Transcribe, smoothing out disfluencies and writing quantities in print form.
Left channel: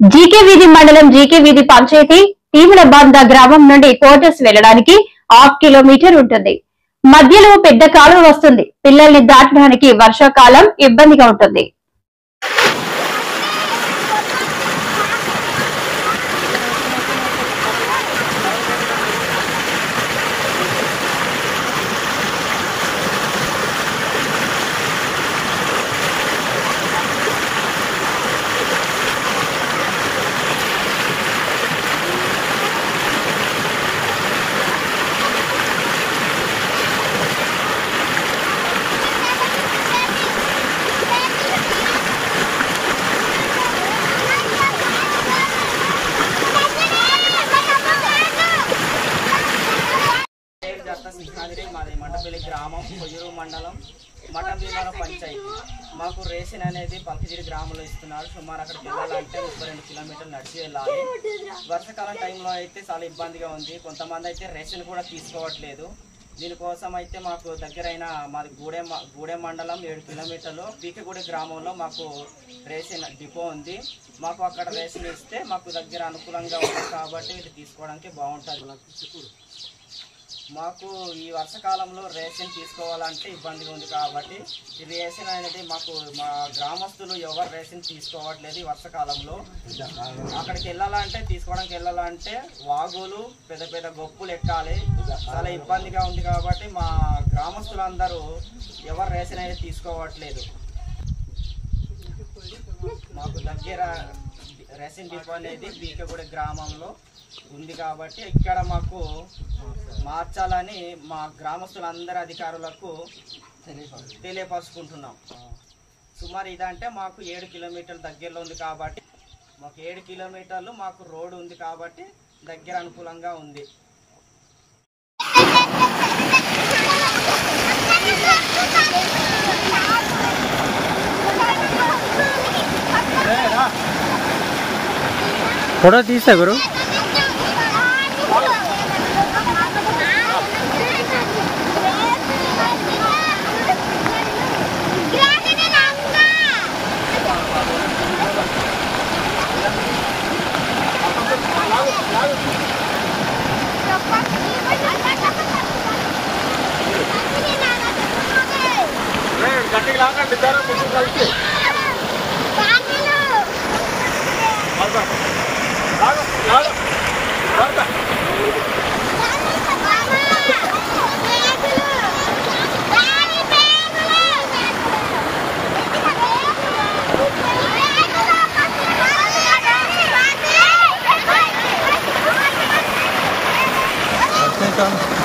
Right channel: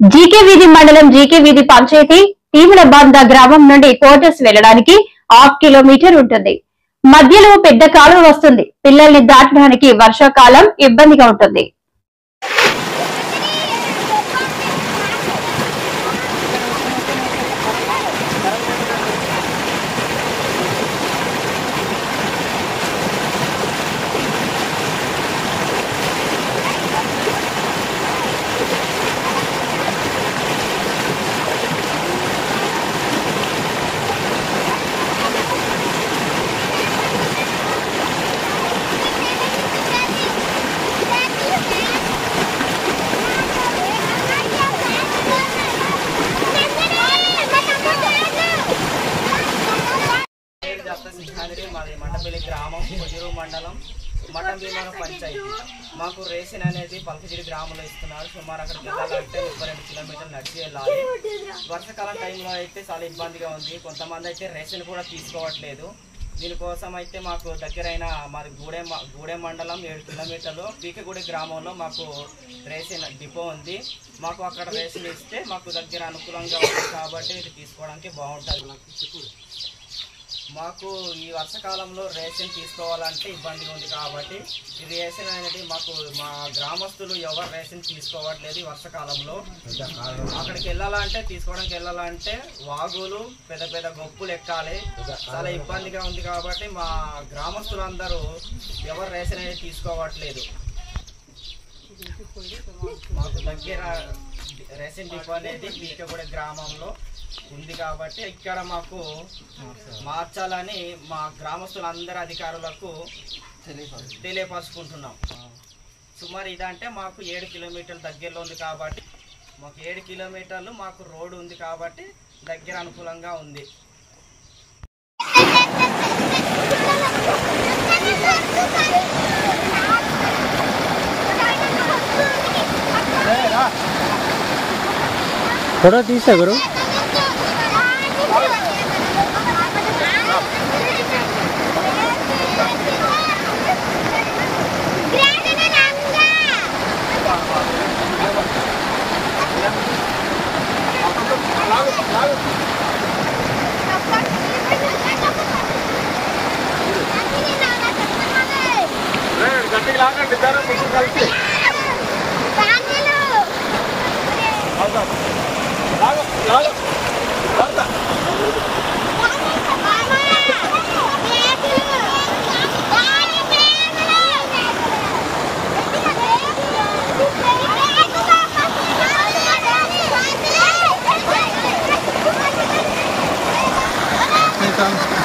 జీకేవీధి మండలం జీకేవీధి పంచాయతీ తీములబంద గ్రామం నుండి కోటర్స్ వెళ్లడానికి 1/2 కిలోమీటర్ ఉంటుంది. మధ్యలో పెద్ద కాలువ వస్తుంది. పిల్లల్ని దాటడానికి వర్షాకాలం ఇబ్బందిగా ఉంటుంది. మండపల్లి గ్రామం కొయ్యూరు మండలం మఠంభీమవరం పంచాయతీ. మాకు రేషన్ అనేది పల్కగిరి గ్రామంలో ఇస్తున్నారు. సుమారు అక్కడికి వెళ్ళాలంటే 32 కిలోమీటర్లు నడిచి వెళ్ళాలి. వర్షాకాలం టైంలో అయితే చాలా ఇబ్బందిగా ఉంది. కొంతమంది అయితే రేషన్ కూడా తీసుకోవట్లేదు. దీనికోసం అయితే మాకు దగ్గరైన మాది గూడెం మండలం 7 కిలోమీటర్లు పీకగూడి గ్రామంలో మాకు రేషన్ డిపో ఉంది. మాకు అక్కడ రేషన్ ఇస్తే మాకు దగ్గర అనుకూలంగా ఉంది కాబట్టి ఇది తీసుకోవడానికి బాగుంటుంది. మాకు ఈ వర్షాకాలంలో రేషన్ తీసుకోవాలంటే ఇబ్బందిగా ఉంది కాబట్టి ఈ రేషన్ అనేది మాకు మా గ్రామస్తులు ఎవరు రేషన్ తీసుకోవట్లేదు. వర్షాకాలంలో అక్కడికి తీసుకోవడానికి వెళ్ళాలంటే వాగులు పెద్ద పెద్ద గొప్పులు ఎక్కాలి. చాలా ఇబ్బందిగా ఉంది కాబట్టి మా గ్రామస్తులందరూ ఎవరు రేషన్ అనేది తీసుకోవట్లేదు. మాకు దగ్గర రేషన్ డిపో అనేది పీకగూడ గ్రామంలో ఉంది కాబట్టి ఇక్కడ మాకు మార్చాలని మా గ్రామస్తులందరి అధికారులకు తెలియపరుచుకుంటున్నాం. సుమారు ఇదంటే మాకు 7 కిలోమీటర్ల దగ్గరలో ఉంది కాబట్టి మాకు 7 కిలోమీటర్లు మాకు రోడ్డు ఉంది కాబట్టి దగ్గర అనుకూలంగా ఉంది. ఫోటో తీసా గురు. Welcome.